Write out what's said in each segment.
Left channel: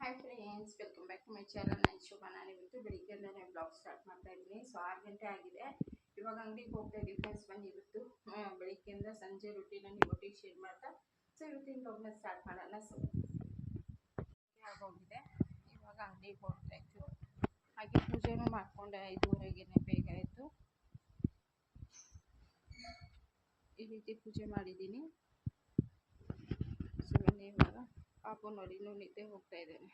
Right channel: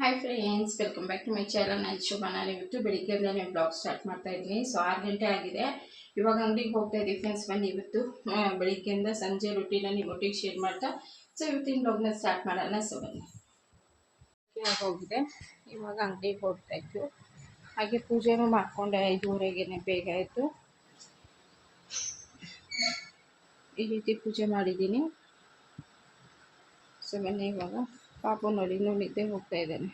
Hi friends welcome back to my channel ನಾನು ಶೋಭಾ. ನಾನು ಇವತ್ತು ಬೆಳಿಗ್ಗೆಯಿಂದಲೇ ಬ್ಲಾಗ್ ಸ್ಟಾರ್ಟ್ ಮಾಡ್ತಾ ಇದ್ದೀನಿ. ಸೊ ಆರು ಗಂಟೆ ಆಗಿದೆ. ಇವಾಗ ಅಂಗಡಿಗೆ ಹೋಗ್ತಾ ಇದ್ದೀವಿ ಫ್ರೆಂಡ್ಸ್ ಬನ್ನಿ ಇವತ್ತು ಬೆಳಿಗ್ಗೆಯಿಂದ ಸಂಜೆ ರೊಟ್ಟಿನ ಒಟ್ಟಿಗೆ ಶೇರ್ ಮಾಡ್ತಾ. ಸೊ ಇವತ್ತಿನ ಬ್ಲಾಗ್ನ ಸ್ಟಾರ್ಟ್ ಮಾಡೋಣ. ಸೊ ಬನ್ನಿ. ಇವಾಗ ಹೋಗಿದೆ ಇವಾಗ ಅಂಗಡಿಗೆ ಹೋಗ್ತಾ ಹಾಗೆ ಪೂಜೆನೂ ಮಾಡಿಕೊಂಡೆ. ಐದುವರೆಗೆ ಬೇಗ ಆಯಿತು ಈ ರೀತಿ ಪೂಜೆ ಮಾಡಿದ್ದೀನಿ ಸೊ ಬನ್ನಿ ಇವಾಗ ಪಾಪು ನೋಡಿ ಇನ್ನೂ ನಿದ್ದೆ ಹೋಗ್ತಾ ಇದ್ದಾನೆ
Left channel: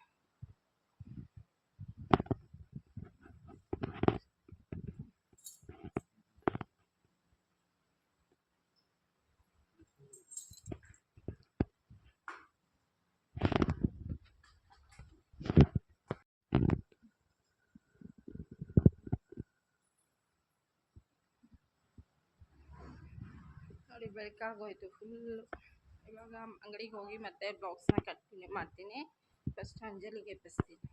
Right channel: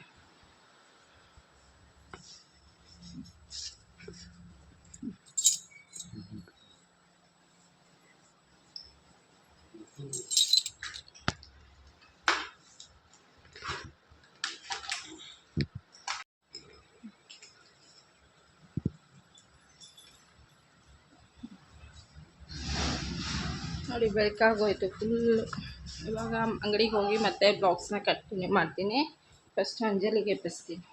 ನೋಡಿ ಬೆಳಕಾಗೋಯ್ತು ಫುಲ್ಲು ಇವಾಗ ಅಂಗಡಿಗೆ ಹೋಗಿ ಮತ್ತೆ ಬಾಕ್ಸ್ನ ಕಂಟಿನ್ಯೂ ಮಾಡ್ತೀನಿ. ಫಸ್ಟ್ ಅಂಜಲಿಗೆ ಎಬ್ಬಿಸ್ತೀನಿ.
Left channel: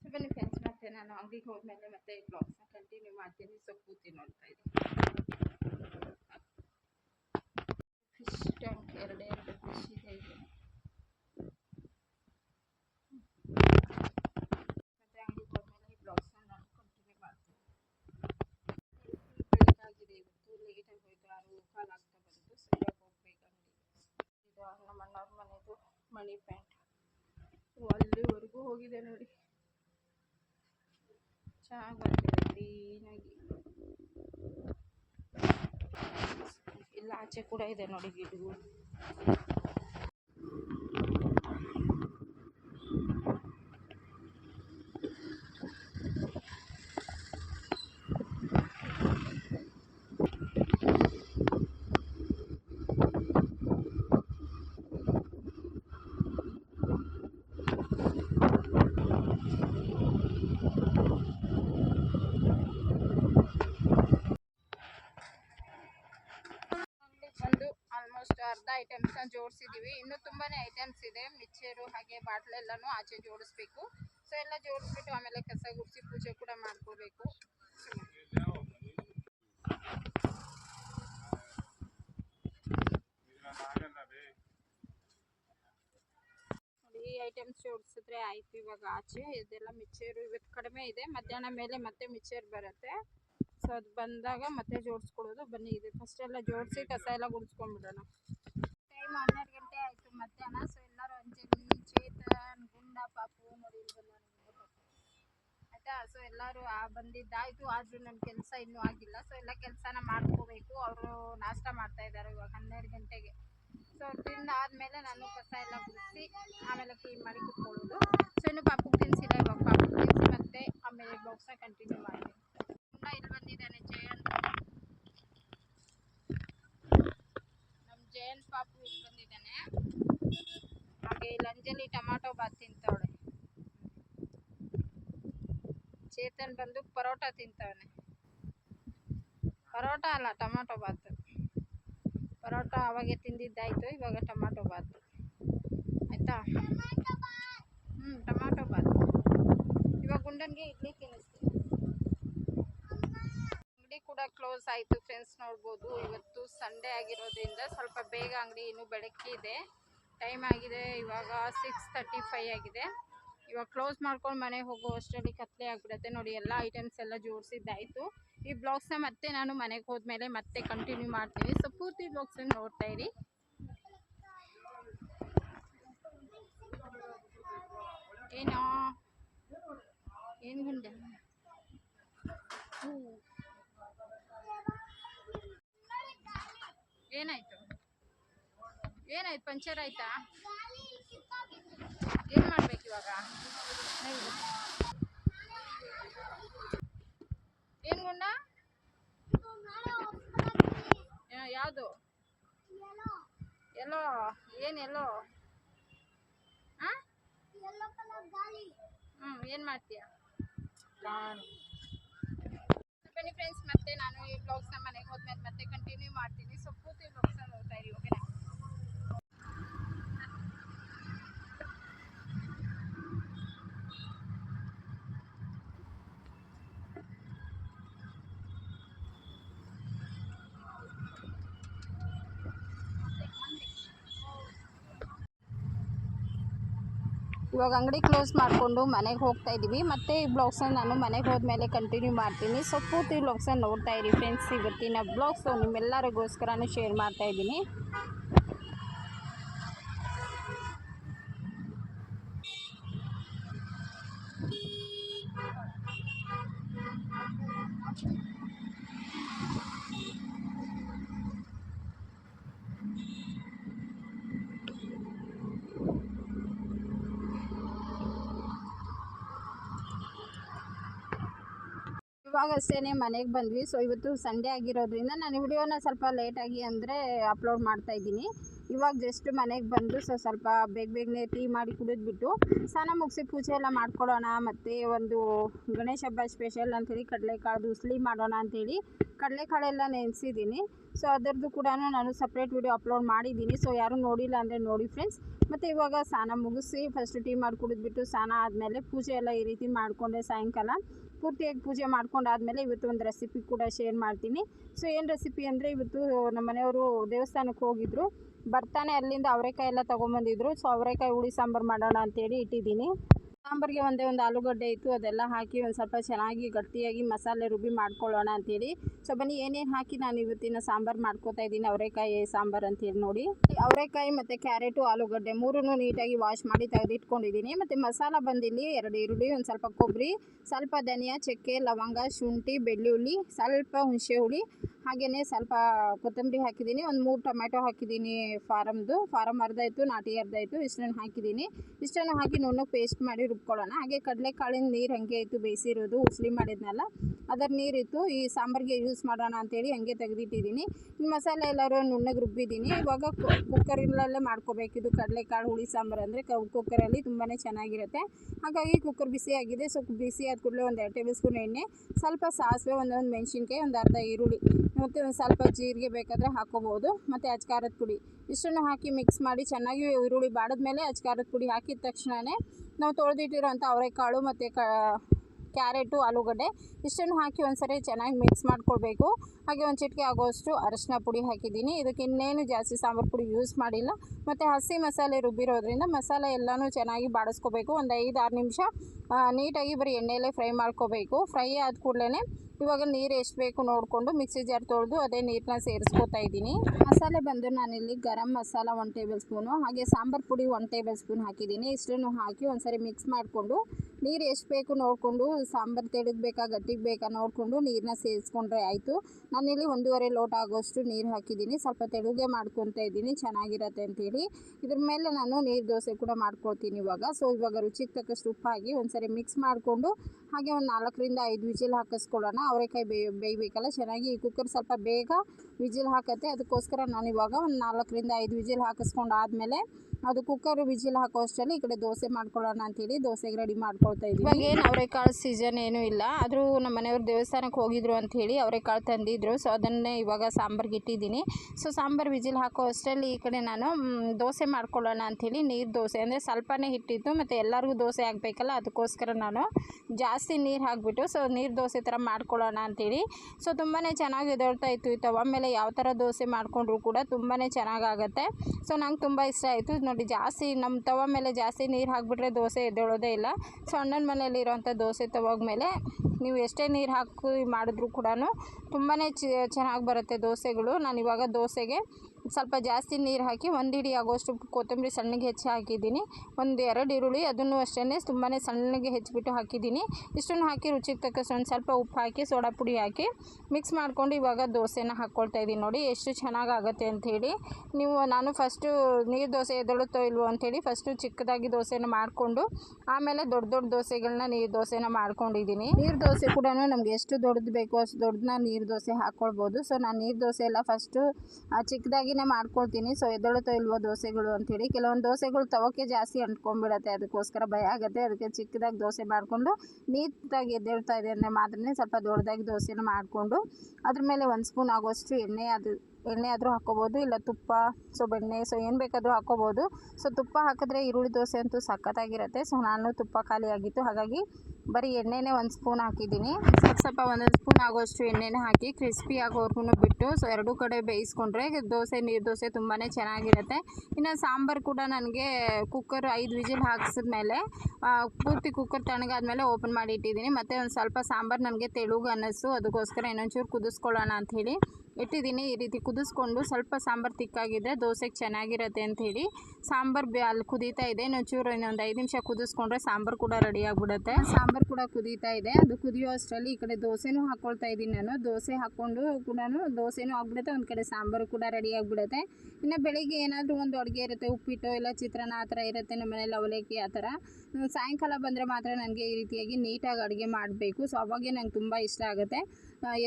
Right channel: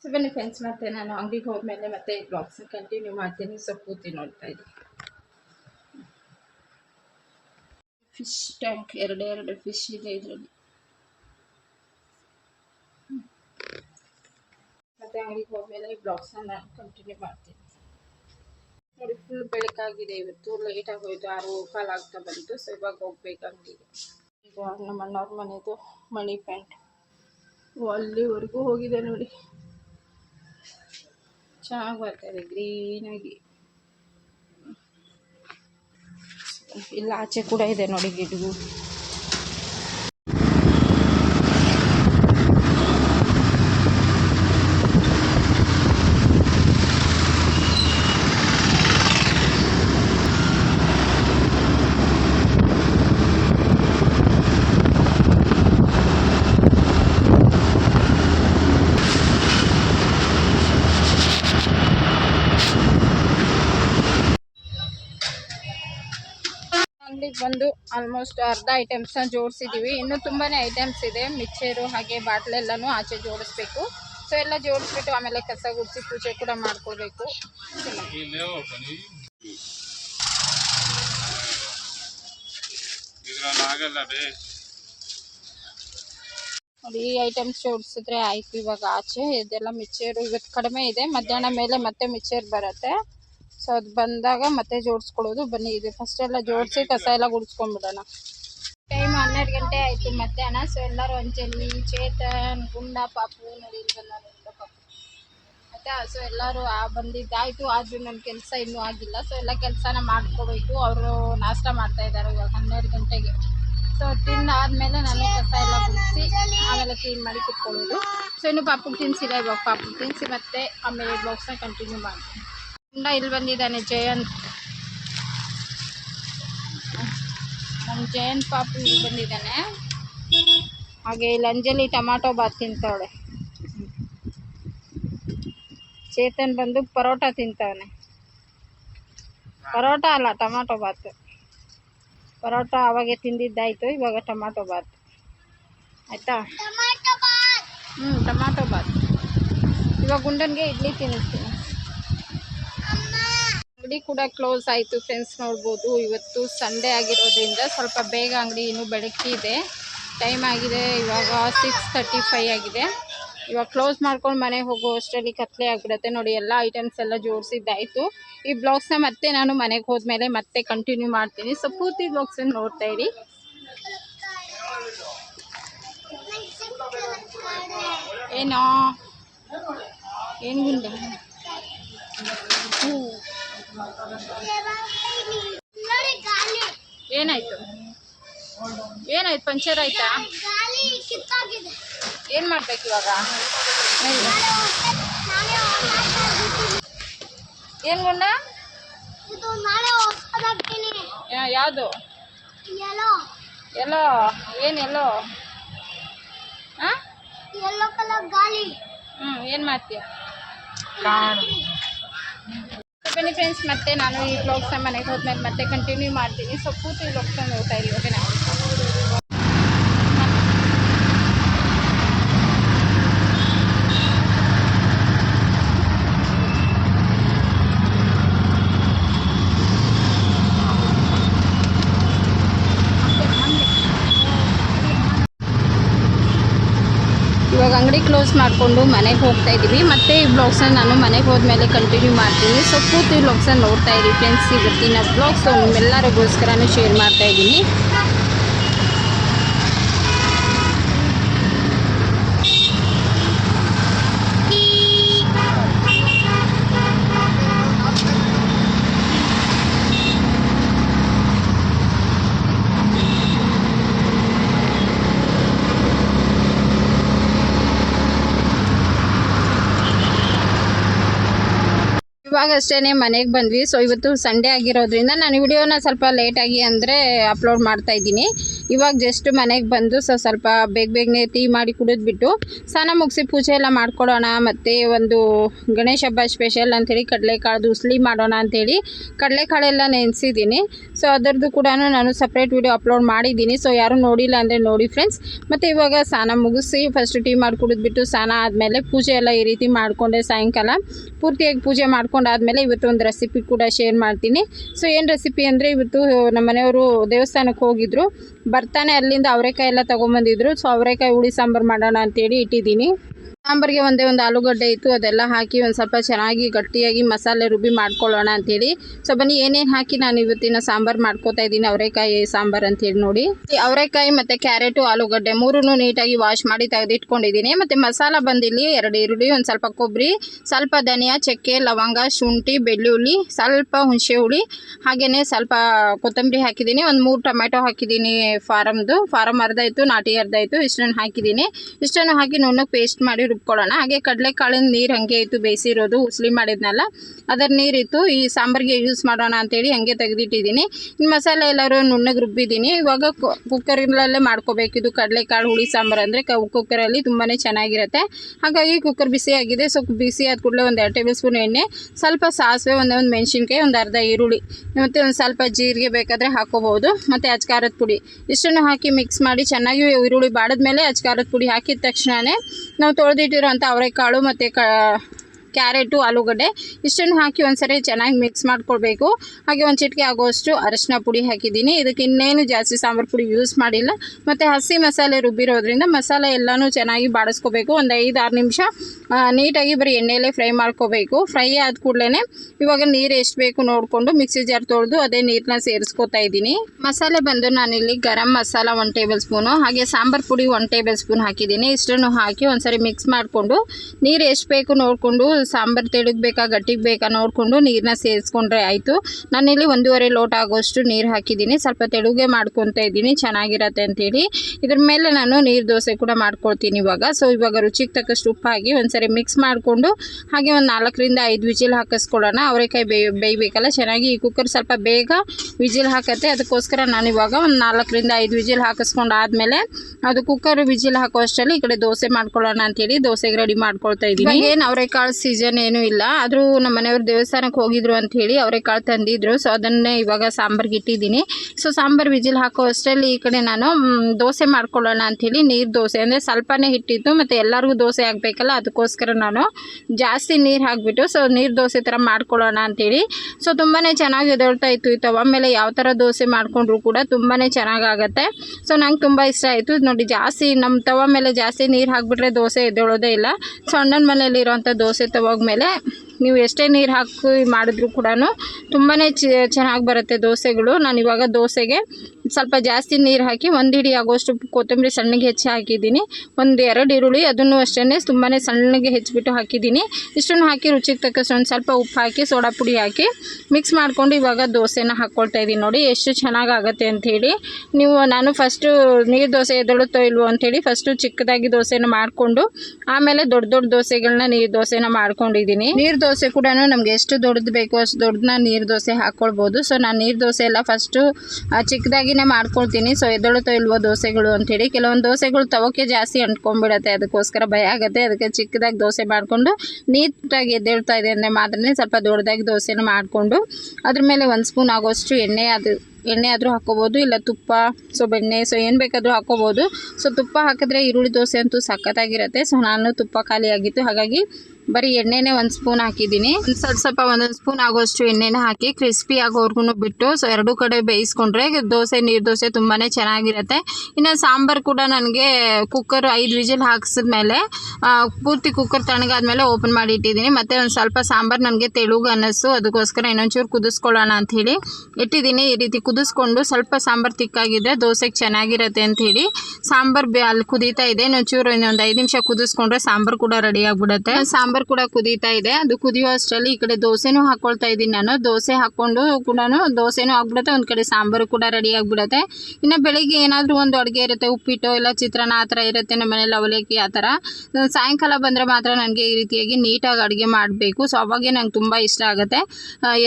ಸೊ ಬನ್ನಿ ಫ್ರೆಂಡ್ಸ್ ಮತ್ತೆ ನಾನು ಅಂಗಡಿಗೆ ಹೋದ್ಮೇಲೆ ಮತ್ತೆ ಈ ಬ್ಲಾಗ್ಸ್ನ ಕಂಟಿನ್ಯೂ ಮಾಡ್ತೀನಿ. ಸೊ ಕೂತಿ ನೋಡ್ತಾ ಇದ್ದೀನಿ ಫಿಶ್ ಟ್ಯಾಂಕ್ ಎರಡು ಎರಡು ಫಿಶ್ ಇದೆ ಇದರಲ್ಲಿ. ಮತ್ತೆ ಅಂಗಡಿಗೆ ಹೋದ್ಮೇಲೆ ಈ ಬ್ಲಾಗ್ಸ್ನ ನಾನು ಕಂಟಿನ್ಯೂ ಮಾಡ್ತೀನಿ. ನೋಡಿ ಫುಲ್ ಬೆಳಕಾಗಿದೆ. ಇವತ್ತು ಲೇಟ್ ಹೋಯ್ತು ಆರು ಕಾಲ್ ಆಗ್ತಾ ಬಂತು. ಸೊ ಇವಾಗ ಈಗ ನಮ್ಮ ಅಣ್ಣವ್ರ ಮನೆದು ಮಣಿ ಪ್ಯಾಂಟ್ ಅಲ್ಲಿವರೆಗೂ ಹೋಗಿದೆ ನೋಡಿ. ಚೆನ್ನಾಗಿ ಬರ್ತಾಯಿದೆ ಗ್ರೀನಾಗಿ ಇಲ್ಲ, ಆಚೆ ಕೂಡ ಇದೆ ನೋಡಿ ಗಿಡಗು ಅಂಗಡಿಗೆ ಬಂದು ಆಲ್ಮೋಸ್ಟ್ ಅರ್ಧ ಐಟಮ್ಸ್ನ ಜೋಡಿಸಿದ್ದೀವಿ ಇನ್ನೂ ತುಂಬಾ ಐಟಮ್ಸ್ ಇದೆ. ಮಿಚ್ಚೇರು ಹಾಗೆ ಬಾಟ್ಲೆಲ್ಲನೂ ಆಚೆ ಜೋಡಿಸ್ಬೇಕು. ಸೊ ಎಲ್ಲ ಜೋಡಿಸ್ಬಿಟ್ಟು ಆಮೇಲೆ ಕಸ ಗುಡಿಸಿ ಪೂಜೆ ಕೂಡ ಮಾಡ್ಕೋಬೇಕು. ಈ ಐಟಮ್ಸ್ ಜೋಡಿಸಿದ್ರೆ ಆಯ್ತು ಇವಾಗ ಆಚೆ. ಇದೆಲ್ಲ ಮಿಚ್ಚೇರು ಇವತ್ತು ಕಡಿಮೆ ಇದೆ. ಮಧ್ಯಾಹ್ನ ಮೇಲೆ ಮತ್ತೆ ಮಿಕ್ಸರ್ ಬರುತ್ತೆ. ಸೊ ಅದು ಬಂದಾಗ ಮತ್ತೆ ಜೋಡಿಸ್ಕೊಳ್ಳೋದು. ಬನ್ನಿ, ಇದು ಫಸ್ಟ್ ಎಲ್ಲ ಜೋಡಿಸಿ ಕಸ ಎಲ್ಲ ಗುಡಿಸ್ಕೊಂಡ್ಬಿಡೋಣ. ಟೈಮ್ ಹನ್ನೆರಡು ಗಂಟೆ ಆಯಿತು ಮಧ್ಯಾಹ್ನ. ಸೊ ಎಲ್ಲರೂ ಅಂಜಲಿ ಚೇತನ್, ಗುಂಡ, ಪಾಪು, ನೋಡಿ ಇಲ್ಲಿ ಪಾಪು. ಸೊ ಎಲ್ಲರೂ ಆ ಬಂದಿದ್ದಾಯಿತು. ಆದರೂ ನನ್ನ ಕೆಲಸ ಇನ್ನೂ ಆಗಿಲ್ಲ. ಸೊ ಎಲ್ಲ ಕೆಲಸನ ಮಾಡ್ಕೋಬೇಕು. ಅವರು ನಾಷ್ಟ ಮಾಡ್ತಾ ಇದ್ದಾರೆ ಇವಾಗ ಹನ್ನೆರಡು ಗಂಟೆಗೆ. ಸೊ ತಿಂದಾದ್ಮೇಲೆ ನಾನು ಕಸ ಎಲ್ಲ ಗುಡಿಸಿ, ಆಮೇಲೆ ಕ್ಲೀನ್ ಮಾಡಿ ಕುತ್ಕೊಳ್ಳೋದು. ಸೊ ಇನ್ನು ಪಾಪುಗೆ ತಿನ್ಸಿಲ್ಲ ಇವಾಗ. ಪಾಪುಗೆ ತಿನ್ನಿಸಿ ಮತ್ತೆ ಆಮೇಲೆ ಬಾಕ್ಸ್ನ ಕಂಟಿನ್ಯೂ ಮಾಡಿ ಗುಂಡ ಇಲ್ಲಿ ಬಂದಿದ್ದಾನೆ ಜಯಂತ್. ನಮ್ಮ ಜಯಂತ್ ಪಾಪು ಇಲ್ಲಿ ಬಂದಿದ್ದಾನೆ. ಹಾಗೆ ಇಲ್ಲಿ ಅಂಜಲಿ ಟೊಮಾಟೊ ಬಾತ್ ತಿಂತವಳೆ. ಚೇತನ್ ಬಂದು ಪರೋಟ ತಿಂತವನೆ. ಪರೋಟ ಅಲ್ಲ ಟೊಮಾಟೊ ಬಾತ್ ಪರೋಟ ಅವಾಗೆ ತಿಂದಿದ್ದಾಯ್ತು ಇವಾಗ ಟೊಮಾಟೊ ಬಾತ್ ಆಯಿತಾ? ಹ್ಮ್ ಟೊಮಾಟೊ ಬಾತ್ ಇವಾಗ ಗುಂಡನ್ಗೆ ಇಡ್ಲಿ ತಿನ್ನಿಸ್ತೀನಿ ಅಂಗಡಿ ಕೂಡ ಕ್ಲೋಸ್ ಆಯಿತು ಫ್ರೆಂಡ್ಸ್ ನೋಡ್ಬೋದು. ಇವತ್ತು ಸಂಡೇ ಆಗಿರೋದ್ರಿಂದ ಸ್ವಲ್ಪ ಬೇಗ ಅಂಗಡಿ ಇನ್ನೂ ಬೆಳಕಿದೆ ಟೈಮ್ ಆಗಿದೆ, ಇವಾಗ ಸಿಕ್ಸ್ ತರ್ಟಿ ಫೈ ಆಗಿದೆ. ಇವಾಗ ಕ್ಲೋಸ್ ಮಾಡ್ಕೊಂಡು ಮನೆಗೆ ಹೋಗೋ ಅಷ್ಟರಲ್ಲಿ ಕತ್ಲೆ ಆಗಿಬಿಡುತ್ತೆ. ನೋಡಿ, ಎಲ್ಲ ಐಟಮ್ಸ್ ಎಲ್ಲ ಜೋಡಿಸಿದ್ದಾಯಿತು. ಈ ಬ್ಲಾಗ್ಸ್ನ ಮತ್ತೆ ನಾನು ಮನೆಗೆ ಹೋದ್ಮೇಲೆ ಮತ್ತೆ ಕಂಟಿನ್ಯೂ ಮಾಡ್ತೀನಿ. ಸೊ ಪೂರ್ತಿ ಬ್ಲಾಗ್ಸನ್ನು ನೋಡ್ತಾ ಇರಿ. ಏನೋ? ಏನು ಹ್ಞೂ ಏನಾಯ್ತು? ಏನಾಯ್ತು? ಪಂಚರ್ ಆಯ್ತಾ? ಏನು ಮಾಡ್ಬೇಕು ಇವಾಗ? ಏನು ಗುಂಡ? ಯಾವುದು? ಎಲ್ಲೋ ಏನು ಎಲ್ಲೋ ಹಾಂ ಎಲ್ಲೋ ಕಲರ್ ಗಾಳಿ. ಹ್ಞೂ ಏನು ಮಾಡ್ತೀಯ? ಬನ್ನಿ ಫ್ರೆಂಡ್ಸ್ ಮತ್ತೆ ನಾನು ಈ ಬ್ಲಾಗ್ಸ್ನ ಮನೆಗೆ ಹೋದ್ಮೇಲೆ ಮತ್ತೆ ಕಂಟಿನ್ಯೂ ಮಾಡ್ತೀನಿ. ಸೊ ಪೂರ್ತಿ ಬ್ಲಾಗ್ಸ್ನ ನೋಡ್ತಾ ಇರಿ ಓಕೆನಾ ಇವಾಗ ಅಂಗಡಿ ಕ್ಲೋಸ್ ಮಾಡಿಕೊಂಡು ಮನೆಗೆ ಹೋಗ್ತಾ ಇದ್ದೀವಿ ಮತ್ತು ಈ ಬ್ಲಾಗ್ಸನ್ನ ನಾನು ಮನೆಗೆ ಹೋದ್ಮೇಲೆ ಕಂಟಿನ್ಯೂ ಮಾಡ್ತೀನಿ. ಸೊ ಪೂರ್ತಿ ಬ್ಲಾಗ್ಸನ್ನ ನೋಡ್ತಾ ಇರಿ ಫ್ರೆಂಡ್ಸ್ ಇವತ್ತಿನ ಬ್ಲಾಗ್ಸ್ ನಿಮ್ಮೆಲ್ಲರಿಗೋಸ್ಕರನೂ ಶೇರ್ ಮಾಡ್ತಾ ಇದ್ದೀನಿ ಇವಾಗ ಅಷ್ಟೇ ಮನೆಗೆ ಬಂದ್ವಿ. ಸೊ ಇವತ್ತು ಸಂಡೇ ಆಗಿರೋದ್ರಿಂದ ನಾನು ವಿಡಿಯೋನ ಸ್ವಲ್ಪ ಲೇಟಾಗಿ ಅಂದರೆ ಅಪ್ಲೋಡ್ ಮಾಡ್ತಾ ಇದ್ದೀನಿ. ಇವಾಗ ಜಸ್ಟ್ ಮನೆಗೆ ಬಂದು ಸೊ ಸ್ವಲ್ಪ ಬೇಗ ಬೇಗನೆ ಟೀ ಮಾಡಿ ಕುಡಿದ್ಬಿಟ್ಟು ಸ್ನಾನ ಮುಗಿಸಿ ಪೂಜೆ ಎಲ್ಲ ಮಾಡ್ಕೊಳ್ಳೋಣ ಮತ್ತು ಒಂದು ಗಣೇಶ ಹಬ್ಬ ಸ್ಪೆಷಲ್ ಅಂಥೇಳಿ ಕಡಲೆಕಾಳು ಉಸ್ಲಿ ಮಾಡೋಣ ಅಂಥೇಳಿ ಕಡಲೆಕಾಳೆಲ್ಲ ನೆನೆಸಿದ್ದೀನಿ. ಸೊ ಅದರದ್ದು ಕೂಡ ನಾನು ಸಪ್ರೇಟ್ ವೀಡಿಯೋ ಅಪ್ಲೋಡ್ ಮಾಡಿದ್ದೀನಿ. ಸೊ ಯಾರು ನೋಡಿಲ್ಲ ಅಂದರೆ ನೋಡಿ ಫ್ರೆಂಡ್ಸ್ ಮತ್ತು ಇವಾಗ ಸ್ನಾನ ಮುಗಿಸಿ ಫಸ್ಟ್ ಟೀ ಮಾಡಿ ಕುಡಿದ್ಬಿಟ್ಟು ಸ್ನಾನ ಆದಮೇಲೆ ಪೂಜೆ ಎಲ್ಲ ಈ ರೀತಿ ಮಾಡಿಕೊಂಡೆ ಸಾಯಂಕಾಲ. ಪೂರ್ತಿಯಾಗಿ ಪೂಜೆ ಮಾಡ್ಕೊಂಡಾದ್ಮೇಲೆ ಇವತ್ತು ಒಂದು ರೆಸಿಪಿ ಕೂಡ ಶೇರ್ ಮಾಡ್ತೀನಿ. ಸೊ ಏನು ರೆಸಿಪಿ ಅಂದರೆ ಇವತ್ತು ನಮ್ಮ ಮನೆಯವರು ದೇವಸ್ಥಾನಕ್ಕೆ ಹೋಗಿದ್ರು. ಬರ್ತಾನೆ ಅಲ್ಲಿಂದ ಅವರೆಕಾಯಿ ಎಲ್ಲ ತೊಗೊಂಬಂದಿದ್ರು ಸೊ ಅವರೆಕಾಯಿ ಹುಳಿ ಸಾಂಬಾರು ಮಾಡೋಣ ಅಂತೇಳಿ ಇಟ್ಟಿದ್ದೀನಿ. ಸಾಂಬಾರಿಗೆ ಒಂದೇ ಒಂದು ಆಲೂಗಡ್ಡೆ ಇತ್ತು, ಅದೆಲ್ಲ ಹಾಕಿ ಒಂದು ಸ್ವಲ್ಪ ಚೆನ್ನಾಗಿ ಗಟ್ಟಿಯಾಗಿ ಮಸಾಲೆ ರುಬ್ಬಿ ಮಾಡ್ಕೊಳ್ಳೋಣ ಅಂತೇಳಿ. ಸೊ ಬನ್ನಿ, ಏನೇನು ಹಾಕಿ ನಾನು ಇವತ್ತಿನ ಸಾಂಬಾರು ಮಾಡ್ಕೋತಾ ಇದ್ದೀನಿ, ಅವರೆಕಾಯಿ ಸಾಂಬಾರು ಅಂತೇಳಿ ನೋಡಿ. ಅವರೆಕಾಯಿ ಮತ್ತು ಕ್ಯಾರೆಟು, ಆಲೂಗಡ್ಡೆ ಮೂರೂ ನೀಟಾಗಿ ವಾಶ್ ಮಾಡಿ ತೆಗೆದಿಟ್ಕೊಂಡಿದ್ದೀನಿ. ಮತ್ತು ಮಸಾಲ ಬಂದಿಲ್ಲಿ ಎರಡು ಈರುಳ್ಳಿ, ಒಂದು ಸ್ವಲ್ಪ ಕೊಬ್ಬರಿ ಸ್ವಲ್ಪ ಧನಿಯಾ, ಚಕ್ಕೆ, ಲವಂಗ, ಶುಂಠಿ, ಬೆಳ್ಳುಳ್ಳಿ, ಸ್ವಲ್ಪ ಹುಣಸೆ ಹುಳಿ ಹಾಗೆಯೇ ಸ್ವಲ್ಪ ಕೊತ್ತಂಬರಿ ಹಾಕಿದ್ದೀನಿ. ಒಂದು ಮೂರು ಟೊಮೆಟೊ ಹಾಕಿದ್ದೀನಿ ಫಾರಮ್ದು. ಫಾರಮ್ ಅರ್ಧ ಇತ್ತು ನಾಟಿ ಅರ್ಧ ಇತ್ತು ಇಷ್ಟನ್ನು ಹಾಕಿದ್ದೀನಿ. ಇಷ್ಟನ್ನು ಹಾಕಿ ನುಣ್ಣಗೆ ಪೇಸ್ಟ್ ಮಾಡಿ ರುಬ್ಕೊಳ್ಳೋಣ. ಹಾಗೆ ಕಡಲೆಕಾಳಿನ ನೀರು ಹಾಗೆ ಇತ್ತು, ಬೇಯಿಸಿರೋದು, ಉಸ್ಲಿ ಮಾಡಿದ್ನಲ್ಲ, ಅದರ ನೀರಿತ್ತು ಈ ಸಾಂಬಾರಿಗೆ ಯೂಸ್ ಮಾಡೋಣ ಅಂತೇಳಿ ಹಾಗೆ ತೆಗೆದಿಟ್ಟಿದ್ದೀನಿ. ಇನ್ನು ಮಸಾಲೆ ಎಲ್ಲರೂ ನುಣ್ಣಗೆ ರುಬ್ಬಿದ್ದೀನಿ. ಇವಾಗ ಕುಕ್ಕರ್ಗಳಲ್ಲೇ ಮಾಡ್ಕೋಬೇಕು. ಇದು ಕಡಲೆಕಾಳು, ಹುಳಿ ಸಾಂಬಾರು ಅಂದರೆ ಕುಕ್ಕರಲ್ಲಿ ತುಂಬಾ ಚೆನ್ನಾಗಿರುತ್ತೆ. ಹಾಗಾಗಿ ಕುಕ್ಕರ್ ಬಿಸಿಯಾಗಿದೆ ಸೊ, ಬಿಸಿ ಆದ ಕೂಡಲೇ ಒಂದು ಎರಡು ಟೇಬಲ್ ಸ್ಪೂನ್ ಎಣ್ಣೆ, ಸ್ವಲ್ಪ ಸಾಸಿವೆ, ಒಂದೇ ಒಂದು ಮೆಣಸಿನ್ಕಾಯಿ, ಒಂದು ಅರ್ಧ ಈರುಳ್ಳಿ, ಮತ್ತು ಒಂದು ಸ್ವಲ್ಪ ಜೀರಿಗೆ ಬೇಕಾದರೆ ಹಾಕೋಬೋದು ಮತ್ತು ಅಚ್ಕಾರದ ಪುಡಿ. ಇಷ್ಟನ್ನು ಹಾಕಿ ಮಿಕ್ಸ್ ಮಾಡಿ ಚೆನ್ನಾಗಿ ಈರುಳ್ಳಿ ಬಾಡಿದ್ಮೇಲೆ ಅಚ್ಕಾರದ ಪುಡಿ ಹಾಕಿದ ತಕ್ಷಣವೇ ನಾವು ತೊಳೆದಿಟ್ಟಿರೋಂಥ ಅವರೆಕಾಳು ಮತ್ತು ಕ ಕ್ಯಾರೆಟು, ಆಲೂಗಡ್ಡೆ, ಇಷ್ಟನ್ನು ಹಾಕಿ ಒಂದ್ಸರಿ ಚೆನ್ನಾಗಿ ಮಿಕ್ಸ್ ಮಾಡ್ಕೊಳ್ಬೇಕು. ಹಾಗೆ ಒಂದು ಚಿಟಿಕೆ ಆಗೋಷ್ಟು ಅರಶಿನ ಪುಡಿ ಹಾಕಿದ್ದೀನಿ. ಇದಕ್ಕೆ ಇನ್ನೇನು ಜಾಸ್ತಿ ಸಾಂಬಾರು ಪುಡಿ ಯೂಸ್ ಮಾಡಿಲ್ಲ. ಮತ್ತು ಹಸಿ ಮಸಾಲೆ ರುಬ್ಬಿರೋದ್ರಿಂದ ಮಸಾಲೆ ಎಲ್ಲನೂ ಚೆನ್ನಾಗಿ ಬಾಡಿಸ್ಕೋಬೇಕು. ಒಂದು ಐದು ಆರು ನಿಮಿಷ ನೀಟಾಗಿ ಬರೀ ಎಣ್ಣೆಯಲ್ಲೇ ಫ್ರೈ ಮಾಡ್ಕೋಬೇಕು. ಫ್ರೈ ಆದ ಕೂಡಲೇ ಇವಾಗ ನೀರು ಎಷ್ಟು ಬೇಕು ನೋಡಿಕೊಂಡು ಮಿಕ್ಸಿ ಜಾರ್ ತೊಳೆದು ಅದೇ ನೀರನ್ನ ಸೇರಿಸ್ಕೊತಾ ಇದ್ದೀನಿ. ಮಸಾಲೆ ಬಂದು ನಾನಿಲ್ಲಿ garam masala one table spoon, ಹಾಗೆ ಸಾಂಬಾರು ಪುಡಿ ಒನ್ ಟೇಬಲ್ ಸ್ಪೂನ್ ಹಾಕಿದ್ದೀನಿ. ಇಷ್ಟನ್ನು ಹಾಕಿ ಒಂದ್ಸರಿ ಮಿಕ್ಸ್ ಮಾಡಿಕೊಂಡು ನೀರು ಎಷ್ಟು ಬೇಕು ನೋಡಿಕೊಂಡು ಸಾಂಬಾರು ತೆಳಗೆ ಬೇಕಾ, ಗಟ್ಟಿಗೆ ಬೇಕಾ ನೋಡಿಕೊಂಡು ನೀರನ್ನ ಸೇರಿಸ್ಕೊಂಡ್ರೆ ಆಯಿತು. ನಾನಿಲ್ಲಿ ಒಂದೂವರೆ ಲೋಟ ಆಗೋಷ್ಟು ನೀರು ಹಾಕಿದ್ದೀನಿ. ಸ್ವಲ್ಪ ತೆಳುಗೆ ಮಾಡ್ಕೊತಾ ಇದ್ದೀನಿ. ಚೆನ್ನಾಗಿರತ್ತೆ ಅಂತೇಳಿ. ಇದ್ರ ಮೇಲೆ ನಾನು ನೀರು ದೋಸೆ ಕೂಡ ಮಾಡ್ಕೊಳ್ತೀನಿ ಇವಾಗ. ಸೊ ಇವಾಗ ರುಚಿಗೆ ತಕ್ಕಷ್ಟು ಉಪ್ಪು ಹಾಕಿ ಒಂದ್ಸರಿ ಮಿಕ್ಸ್ ಮಾಡಿಕೊಂಡು ಹಾಗೆ ಒಂದು ನಾಲ್ಕರಿಂದ ಐದು ವಿಜಿಲ್ ಹಾಕಿಸ್ಕೊಳ್ಳೋಣ. ಅವರೆಕಾಯಿ ಬೇಯ್, ಬೇಯಬೇಕಲ್ಲ? ಚೆನ್ನಾಗಿ ಈ ಕುಕ್ಕರ್ ಸ್ವಲ್ಪ ಬೇಗ ವಿಜಿಲ್ ಹಾಕತ್ತೆ. ಅದಕ್ಕೋಸ್ಕರ ನಾನು ಇವಾಗ ಒಂದು ನಾಲ್ಕರಿಂದ ಐದು ವಿಜಿಲ್ ಹಾಕಿಸ್ಕೊಂಡು ಆದಮೇಲೆ ಅದು ಕುಕ್ಕರ್ ವಿಜಿಲ್ ಹಾಕೋ ಅಷ್ಟರಲ್ಲಿ ಈ ಕಡೆ ದೋಸೆ ಮಾಡ್ಕೊಳ್ಳೋಣ ಅಂತೇಳಿ ದೋಸೆಗೆ ರೆಡಿ ಮಾಡ್ಕೊಳ್ತಾ ಇದ್ದೀನಿ. ಏನು ಅವರೆಕಾಳು ಸೀಸನ್ ಏನೂ ಇಲ್ಲ. ಆದರೂ ನಮ್ಮ ಮನೆಯವ್ರು ದೇವಸ್ಥಾನಕ್ಕೆ ಹೋಗಿದ್ರು ಅಂತ ಹೇಳಿ ಅವರೆಕಾಳು ತಂದಿದ್ರು. ಸೊ ಅದನ್ನೇ ಇವಾಗ ಸಾಂಬಾರ್ಗೆ ಇಟ್ಟಿದ್ದೀನಿ ಸೊ ಸಾಂಬಾರು ವಿಜಿಲ್ ಹಾಕೋ ಅಷ್ಟರಲ್ಲಿ ಈ ಕಡೆ ನಾನು ದೋಸೆ ಮಾಡ್ಕೊಳ್ಳೋಣ ಅಂಥೇಳಿ ನೀರು ದೋಸೆ, ಅಂದರೆ ಸ್ವಲ್ಪನೇ ಹಿಟ್ಟಿತ್ತು, ಮತ್ತು ಎಲ್ಲರಿಗೂ ದೋಸೆ ಆಗಬೇಕಲ್ಲ, ಅದಕ್ಕೋಸ್ಕರ ನಾನು ಜಾಸ್ತಿ ನೀರು ಹಾಕಿಬಿಟ್ಟು ಸೊ ನೀರು ದೋಸೆ ಥರ ಮಾಡ್ಕೊಳ್ಳೋಣ ಅಂಥೇಳಿ ಸೊ ತುಂಬಾ ಚೆನ್ನಾಗಿ ಎದೊಳ್ತಾ ಇತ್ತು ಈ ತವ. ಮೇಲೆ ಯಾವ ಥರ ದೋಸೆ ಮಾಡಿಕೊಂಡ್ರು ಕೂಡ ತುಂಬಾ ಚೆನ್ನಾಗಾಗತ್ತೆ ಸೊ ನಂಗೆ ತುಂಬ ಇಷ್ಟ ಆಯಿತು. ನೋಡಿ, ಜಾಸ್ತಿ ನಮ್ಮ ತವ ಮೇಲೆ ಜಾಸ್ತಿ ನೀರು ಹಾಕಿಬಿಟ್ರೆ ದೋಸೆ ಎದ್ದೇಳೋದೇ ಇಲ್ಲ. ಸೊ, ಅಣ್ಣನ ಮನೇಲಿರೋಂಥ ದೋಸೆ ತವಾಗ ಮೇಲೆ ನೀವು ಎಷ್ಟೇ ನೀರು ಹಾಕಿ ಮಾಡಿದ್ರು ಕೂಡ ತುಂಬಾ ಚೆನ್ನಾಗಿ ಬರುತ್ತೆ ದೋಸೆಗಳು. ನಾನು ಇವಾಗ ದೋಸೆಗೆ ಸ್ವಲ್ಪ ಜಾಸ್ತಿ ನೀರು ಹಾಕಿ ಒಂದು ಹಿಡಿ ಆಗೋಷ್ಟು ಕೊತ್ತಂಬರಿ ಸಣ್ಣಗೆ ಹೆಚ್ಚಿ ಹಾಕಿದ್ದೀನಿ. ಒಂದು ಎರಡು ಈರುಳ್ಳಿ, ಅದನ್ನು ಅಷ್ಟೇ ತುಂಬಾ ಸಣ್ಣಗೆ ಹೆಚ್ಚಿಬಿಟ್ಟು ಹಾಕಿದ್ದೀನಿ. ಇಷ್ಟನ್ನು ಹಾಕಿ ರುಚಿಗೆ ತಕ್ಕಷ್ಟು ಒಂದು ಸ್ವಲ್ಪ ಉಪ್ಪು ಹಾಕಿ, ಸೋಡಾ ಪುಡಿ ಹಾಕಿ ಮಿಕ್ಸ್ ಮಾಡಿಕೊಂಡು ಇವಾಗ ದೋಸೆನ ಹಾಕ್ಕೊಳ್ತಾ ಇದ್ದೀನಿ ನೋಡಿ, ಎಷ್ಟು ಚೆನ್ನಾಗಾಗತ್ತೆ ಅಂಥೇಳಿ ನೀವು, ನಾನು ಫಸ್ಟು ನೀರು ದೋಸೆ ಎದಳುತ್ತೋ ಇಲ್ವೋ ಅಂಥೇಳಿ ಫಸ್ಟು ಚಿಕ್ಕದಾಗಿ ದೋಸೆನ ಮಾಡಿಕೊಂಡು, ಆಮೇಲೆ ದೊಡ್ಡ ದೊಡ್ಡ ದೋಸೆಗಳನ್ನ ನೀರು ದೋಸೆನ ಮಾಡ್ಕೊಂಡಿದ್ದೀನಿ. ನೀರು ದೋಸೆ ಕೂಡ ನಮಗೆ ಎಷ್ಟು ದೊಡ್ಡದು ಬೇಕೋ ಅಷ್ಟು ದೊಡ್ಡದನ್ನ ನೀರು ದೋಸೆ ಹಾಕ್ಕೊಳ್ಬೋದು ಸೊ ನಾನು ನೀರು ದೋಸೆ ಎಲ್ಲ ಫಸ್ಟು ಚಿಕ್ಕದಾಗಿನೇ ಮಾಡ್ಕೊಳ್ತೀನಿ. ಸೊ ಎದ್ದೇಳುತ್ತೋ ಇಲ್ವೋ ದೋಸೆಗಳು ಅಂಥೇಳಿ. ಕೆಲವೊಂದು ದೋಸೆಗಳು ತವಕ್ಕೆ ಜಾಸ್ತಿ ಅಂಟ್ಕೊಂಡ್ಬಿಡತ್ತೆ. ಅದಕ್ಕೋಸ್ಕರ ಭಯ ಆಗುತ್ತೆ. ಅದಕ್ಕೆ ಚಿಕ್ಕದಾಗಿ ದೋಸೆ ಮಾಡಿಕೊಂಡು ನೀಟಾಗಿ ಎದ್ದೇಳ್ತಾ ಇದೆ ಅಂದರೆ ಮಾತ್ರನೇ ಸ್ವಲ್ಪ ದೊಡ್ಡದಾಗಿ ದೋಸೆನ ಮಾಡಿಕೊಂಡು ಅದ್ರ ಮೇಲೆ ಒಂದು ಸ್ಪೂನ್ ಆಗೋಷ್ಟು ಎಣ್ಣೆ ಅದು, ಎಣ್ಣೆ ಆದರೂ ಹಾಕ್ಕೋಬೋದು. ಇಲ್ಲ ತುಪ್ಪ, ಸೊ ಬೆಣ್ಣೆ, ಸೊ ಏನು ಬೇಕಾದರೂ ಹಾಕ್ಕೋಬೋದು. ಸೊ ತುಪ್ಪ ಹಾಕಿದ್ರೆ ಈರುಳ್ಳಿ ದೋಸೆ ಅಂತೂ ಸಖತ್ತಾಗಿರುತ್ತೆ. ಸೊ ನಾನು ತುಪ್ಪ ಖಾಲಿ ಆಗಿತ್ತು ಹಾಗಾಗಿ ಬರೀ ಎಣ್ಣೆನೇ ಒಂದು ಸ್ಪೂನ್ ಹಾಕಿದ್ದೀನಿ. ಸ್ವಲ್ಪ ಸ್ವಲ್ಪ ಒಂದೊಂದು ಸ್ಪೂನ್ ಆಗೋಷ್ಟು ಎಣ್ಣೆನ ಹಾಕಿ ಕ್ರಿಸ್ಪಿ ಆಗೋವರೆಗೂ ಬಿಟ್ಟು ಸೊ ಎರಡೂ ಕಡೆ ಬೇಯಿಸ್ಕೊಂಡ್ರೆ ದೋಸೆ, ನೀರು ದೋಸೆ ತುಂಬಾ ಚೆನ್ನಾಗಿರುತ್ತೆ. ಇನ್ನು ಸಾಂಬಾರು ಕೂಡ ನನಗೆ ಕುಕ್ಕರ್ ಐದು ವಿಜಿಲ್ ಹಾಕ್ಸಿದ್ಮೇಲೆ ಪೂರ್ತಿ ಕುಕ್ಕರ್ ತಣಗಾದ್ಮೇಲೆ ಓಪನ್ ಮಾಡಿ ಇಟ್ಟಿದ್ದೀನಿ ಮತ್ತು ಒಂದು ಸ್ವಲ್ಪ ಸಾಂಬಾರು ನನಗೆ ತೆಳುಗು ಅನ್ನಿಸ್ತು ಅದಕ್ಕೋಸ್ಕರ ಇನ್ನೊಂಚೂರು ಕುದಿಸ್ಕೊಳ್ಳೋಣ ಅಂಥೇಳಿ ಇಟ್ಟಿದ್ದೀನಿ. ಈ ರೀತಿ ಕುದಿಸ್ಕೊಂಡು ಸ್ವಲ್ಪ ಸಾಂಬಾರು ತಿಕ್ಕಾಗಿದ್ದರೆ ದೋಸೆಗೆ ಚೆನ್ನಾಗಿರುತ್ತೆ ಸಾಂಬಾರು ಸಾಂಬಾರ್ ಅಲ್ಲಿ ಕುದೀತಾ ಇದೆ. ಇನ್ನೊಂಚೂರು ಇನ್ನೊಂದು ಐದು ನಿಮಿಷ ಕುದಿಸ್ಕೊಂಡ್ರೆ ಸಾಂಬಾರು ಕೂಡ ರೆಡಿ ಆಗಿಬಿಡುತ್ತೆ. ಸಾಂಬಾರು ಕೂಡ ಕುದೀತಾ ಇದೆ. ಅದು ಕುದಿಯೋ ಅಷ್ಟರಲ್ಲಿ ಈ ಕಡೆ ದೋಸೆನೂ ಹಾಕ್ಕೊಳ್ತಾ ಇದ್ದೀನಿ ನಾನು. ದೋಸೆ ಹಾಕ್ಕೊಂಡು ಕೂಡ ದೋಸೆನೂ ಆಗ್ಬಿಡುತ್ತೆ. ಒಂದು ಕಡೆ ಸಾಂಬಾರು ಕೂಡ ರೆಡಿ ಆಗಿಬಿಡುತ್ತೆ. ಇನ್ನು ಬೆಳಿಗ್ಗೆ ಏನಾದರೂ ಒಂದು ಅಡುಗೆ ಇರುತ್ತೆ, ಉಪ್ಪಿಟ್ಟು ಇಲ್ಲ ಚಿತ್ರಾನ್ನ ಆ ಥರ ಇರುತ್ತೆ ನಮ್ಮ ಮನೇಲಿ ಅವಲಕ್ಕಿ ಆ ಥರ. ಸಾಯಂಕಾಲ ಬಂದರೆ ಮಾತ್ರ ನನಗೆ ಈ ರೀತಿಯಾಗಿ ನೀಟಾಗಿ ಅಡುಗೆ ಮಾಡಬೇಕು. ಸೊ ಅವಾಗೆ ನಂಗೆ ತುಂಬ ಇಷ್ಟ ಆಗುತ್ತೆ.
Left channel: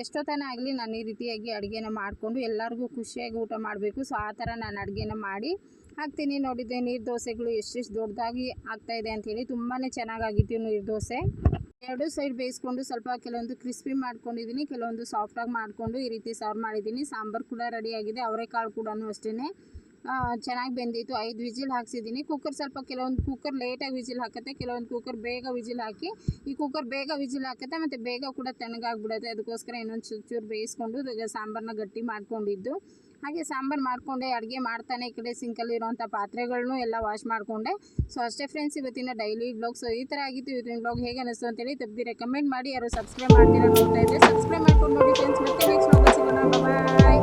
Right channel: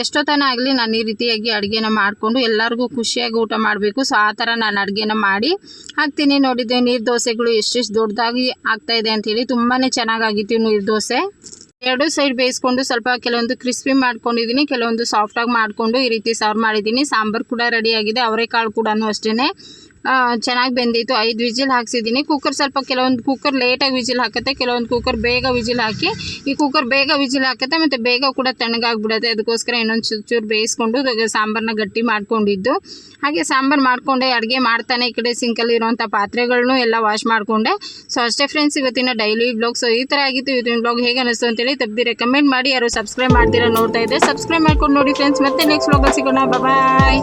ಎಷ್ಟೋ ಎಷ್ಟೊತ್ತನ ಆಗಲಿ ನಾನು ಈ ರೀತಿಯಾಗಿ ಅಡುಗೆನ ಮಾಡಿಕೊಂಡು ಎಲ್ಲರಿಗೂ ಖುಷಿಯಾಗಿ ಊಟ ಮಾಡಬೇಕು. ಸೊ ಆ ಥರ ನಾನು ಅಡುಗೆನ ಮಾಡಿ ಹಾಕ್ತೀನಿ. ನೋಡಿದ್ದೆ ನೀರು ದೋಸೆಗಳು ಎಷ್ಟೆಷ್ಟು ದೊಡ್ಡದಾಗಿ ಆಗ್ತಾಯಿದೆ ಅಂಥೇಳಿ ತುಂಬಾ ಚೆನ್ನಾಗಾಗಿತ್ತು ನೀರು ದೋಸೆ. ಎರಡು ಸೈಡ್ ಬೇಯಿಸ್ಕೊಂಡು ಸ್ವಲ್ಪ ಕೆಲವೊಂದು ಕ್ರಿಸ್ಪಿ ಮಾಡ್ಕೊಂಡಿದ್ದೀನಿ, ಕೆಲವೊಂದು ಸಾಫ್ಟಾಗಿ ಮಾಡಿಕೊಂಡು ಈ ರೀತಿ ಸರ್ವ್ ಮಾಡಿದ್ದೀನಿ. ಸಾಂಬಾರು ಕೂಡ ರೆಡಿಯಾಗಿದೆ ಅವರೆಕಾಳು ಕೂಡ ಅಷ್ಟೇ ಚೆನ್ನಾಗಿ ಬೆಂದಿತ್ತು. ಐದು ವಿಜಿಲ್ ಹಾಕ್ಸಿದ್ದೀನಿ ಕುಕ್ಕರ್ ಸ್ವಲ್ಪ ಕೆಲವೊಂದು ಕುಕ್ಕರ್ ಲೇಟಾಗಿ ವಿಜಿಲ್ ಹಾಕುತ್ತೆ. ಕೆಲವೊಂದು ಕುಕ್ಕರ್ ಬೇಗ ವಿಜಿಲ್ ಹಾಕಿ, ಈ ಕುಕ್ಕರ್ ಬೇಗ ವಿಜಿಲ್ ಹಾಕುತ್ತೆ ಮತ್ತು ಬೇಗ ಕೂಡ ತಣ್ಣಗಾಗ್ಬಿಡುತ್ತೆ. ಅದಕ್ಕೋಸ್ಕರ ಇನ್ನೊಂದು ಚೂರು ಚೂರು ಬೇಯಿಸ್ಕೊಂಡು ಸಾಂಬಾರನ್ನ ಗಟ್ಟಿ ಮಾಡ್ಕೊಂಡಿದ್ದು. ಹಾಗೆ ಸಾಂಬಾರು ಮಾಡಿಕೊಂಡೆ, ಅಡುಗೆ ಮಾಡ್ತಾನೆ ಈ ಕಡೆ ಸಿಂಕಲ್ಲಿ ಇರುವಂಥ ಪಾತ್ರೆಗಳನ್ನೂ ಎಲ್ಲ ವಾಶ್ ಮಾಡಿಕೊಂಡೆ. ಸೊ ಅಷ್ಟೇ ಫ್ರೆಂಡ್ಸ್ ಇವತ್ತಿನ ಡೈಲಿ ಬ್ಲಾಗ್ ಸೊ ಈ ಥರ ಆಗಿತ್ತು ಇವತ್ತಿನ ಬ್ಲಾಗ್ ಹೇಗೆ ಅನಿಸ್ತು ಅಂತೇಳಿ ತಪ್ಪಿ ರೆಕಮೆಂಡ್ ಮಾಡಿ. ಯಾರು ಸಬ್ಸ್ಕ್ರೈಬ್ ಮಾಡ್ತೀರಾ ನೋಡ್ತಾ ಇದ್ದೆ ಸಬ್ಸ್ಕ್ರೈಬ್ ಮಾಡ್ಕೊಂಡು ನೋಡಿ ಫ್ರೆಂಡ್ಸ್ ಮತ್ತೆ ನೆಕ್ಸ್ಟ್ ಬ್ಲಾಗಲ್ಲಿ ಸಿಗೋಣ. ಬಾಯ್